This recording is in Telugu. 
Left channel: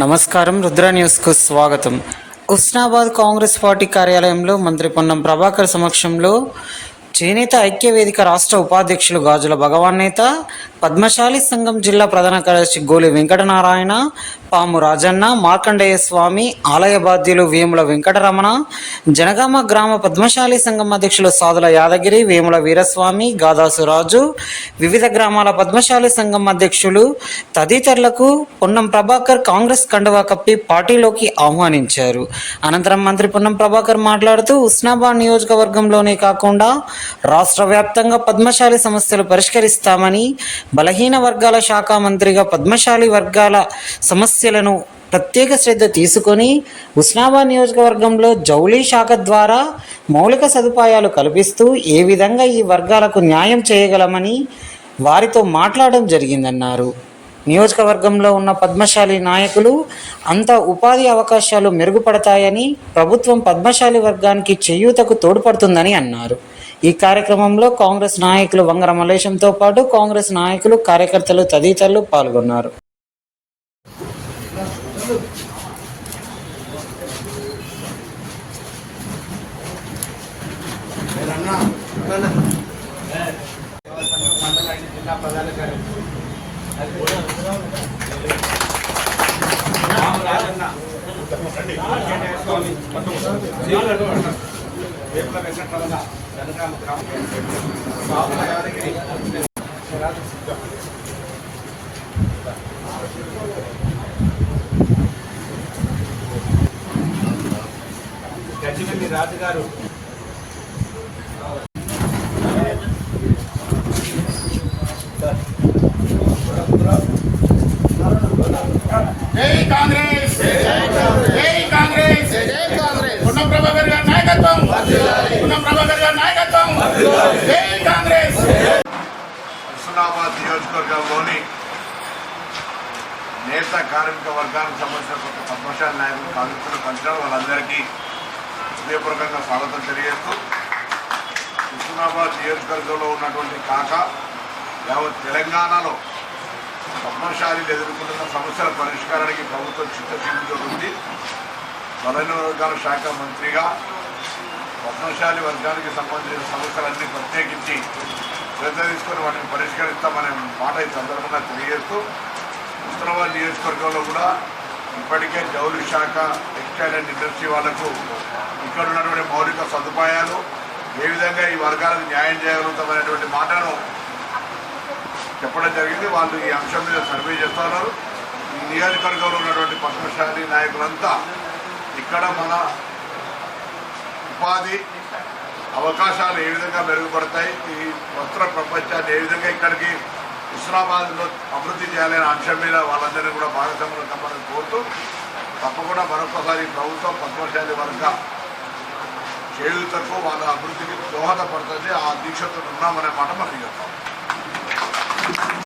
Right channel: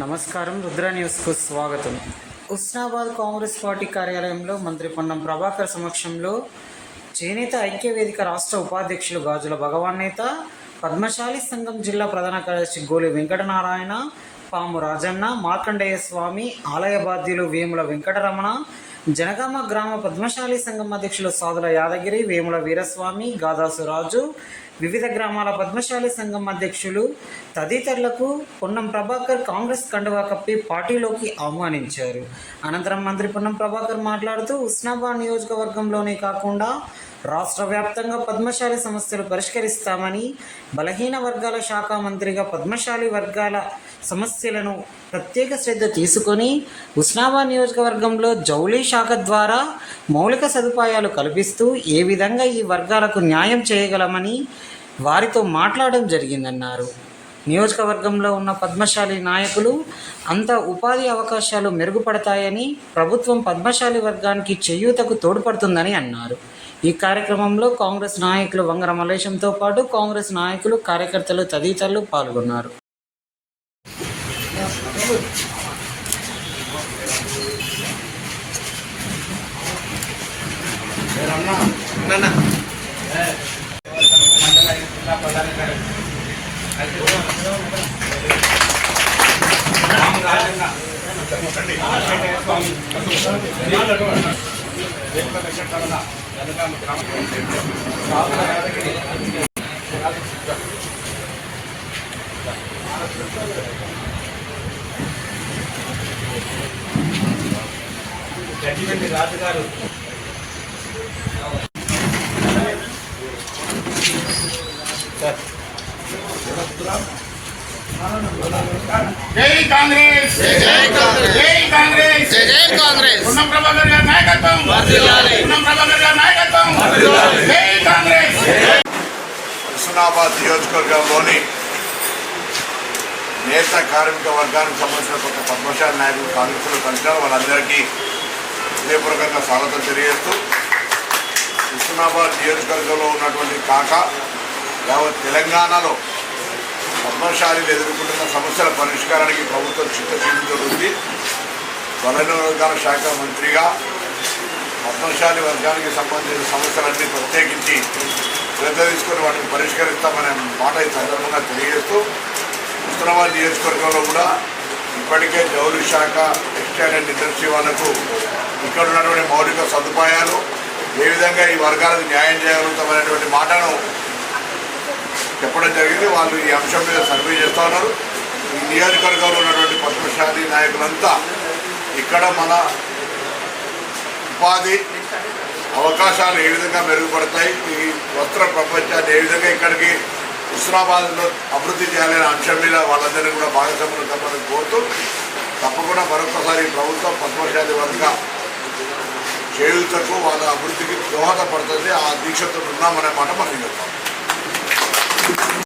నమస్కారం. రుద్ర న్యూస్కు స్వాగతం. హుస్నాబాద్ కాంగ్రెస్ పార్టీ కార్యాలయంలో మంత్రి పొన్నం ప్రభాకర్ సమక్షంలో చేనేత ఐక్య వేదిక రాష్ట్ర ఉపాధ్యక్షులు గాజుల భగవాన్ నేత, పద్మశాలి సంఘం జిల్లా ప్రధాన కార్యదర్శి గోలి వెంకటనారాయణ, పాము రాజన్న, మార్కండేయ స్వామి, ఆలయ బాధ్యులు వేముల వెంకటరమణ, జనగామ గ్రామ పద్మశాలి సంఘం అధ్యక్షులు సాదుల యాదగిరి, వేముల వీరస్వామి, గాదాసు రాజు, వివిధ గ్రామాల పద్మశాలి సంఘం అధ్యక్షులు తదితరులకు పొన్నం ప్రభాకర్ కాంగ్రెస్ కండువా కప్పి పార్టీలోకి ఆహ్వానించారు. అనంతరం మంత్రి పొన్నం ప్రభాకర్ మాట్లాడుతూ హుస్నాబాద్ నియోజకవర్గంలోనే కాకుండా రాష్ట్ర వ్యాప్తంగా పద్మశాలి సమస్యలు పరిష్కరిస్తామని, బలహీన వర్గాల శాఖ మంత్రిగా పద్మశాలి వర్గాల సమస్యలను ప్రత్యేక శ్రద్ధ తీసుకొని హుస్నాబాద్ నియోజకవర్గంలో జౌళి శాఖ ద్వారా మౌలిక సదుపాయాలు కల్పిస్తూ ఏ విధంగా ఈ వర్గాలకు న్యాయం చేయగలమని వారితో మాట్లాడడం జరిగిందన్నారు. నియోజకవర్గంలో ఉన్న పద్మశాలి నాయకులు అంత ఉపాధి అవకాశాలు మెరుగుపడతాయని, ప్రభుత్వం పద్మశాలి వర్గానికి చేయూతకు తోడ్పడుతుందని అన్నారు. ఈ కార్యక్రమంలో కాంగ్రెస్ నాయకులు వంగర మల్లేశంతో పాటు కాంగ్రెస్ నాయకులు, కార్యకర్తలు తదితరులు పాల్గొన్నారు. గడ్డిపల్లి రాజు గారు, జై కాంగ్రెస్, జై కాంగ్రెస్, జై కాంగ్రెస్. పొన్నం ప్రభాకర్ గారి నాయకత్వం, పొన్నం ప్రభాకర్ గారి నాయకత్వం, జై కాంగ్రెస్. హుస్నాబాద్ నియోజకవర్గంలోని నేత కార్మిక వర్గానికి సంబంధించిన కొంత పద్మశాలి నాయకులు కాంగ్రెస్లో కలిసినారు. వాళ్ళందరికీ హృదయపూర్వకంగా స్వాగతం తెలియజేస్తూ, హుస్నాబాద్ నియోజకవర్గంలో ఉన్నటువంటి కాక యావత్ తెలంగాణలో పద్మశాలీలు ఎదుర్కొంటున్న సమస్యల పరిష్కారానికి ప్రభుత్వం చిత్తశుద్ధితో ఉంది. బలహీన వర్గాల శాఖ మంత్రిగా పద్మశాలి వర్గానికి సంబంధించిన సమస్యలన్నీ ప్రత్యేకించి శ్రద్ధ తీసుకొని వాటిని పరిష్కరిస్తామనే మాట ఈ సందర్భంగా తెలియజేస్తూ, హుస్నాబాద్ నియోజకవర్గంలో కూడా ఇప్పటికే జౌళి శాఖ, టెక్స్టైల్ అండ్ ఇండస్ట్రీ వాళ్లకు ఇక్కడ ఉన్నటువంటి మౌలిక సదుపాయాలు ఏ విధంగా ఈ వర్గాలకు న్యాయం చేయగలుగుతామనేటువంటి మాటను చెప్పడం జరిగింది. వాళ్ళు ఈ అంశం మీద సర్వే చేస్తూ ఉన్నారు. ఈ నియోజకవర్గంలో ఉన్నటువంటి పద్మశాలి నాయకులంతా ఇక్కడ మన ఉపాధి అవకాశాలు ఏ విధంగా మెరుగుపడతాయి, ఈ వస్త్ర ప్రపంచాన్ని ఏ విధంగా ఇక్కడికి హుస్నాబాద్లో అభివృద్ధి చేయాలనే అంశం మీద వాళ్ళందరినీ కూడా భాగస్వామ్యం కలపాలని కోరుతూ, తప్పకుండా మరొకసారి ప్రభుత్వం పద్మశాలి వర్గ చేయూతకు వాళ్ళ అభివృద్ధికి దోహదపడుతుంది. ఆ దీక్షతో ఉన్నామనే మాట మనం చెప్తాం.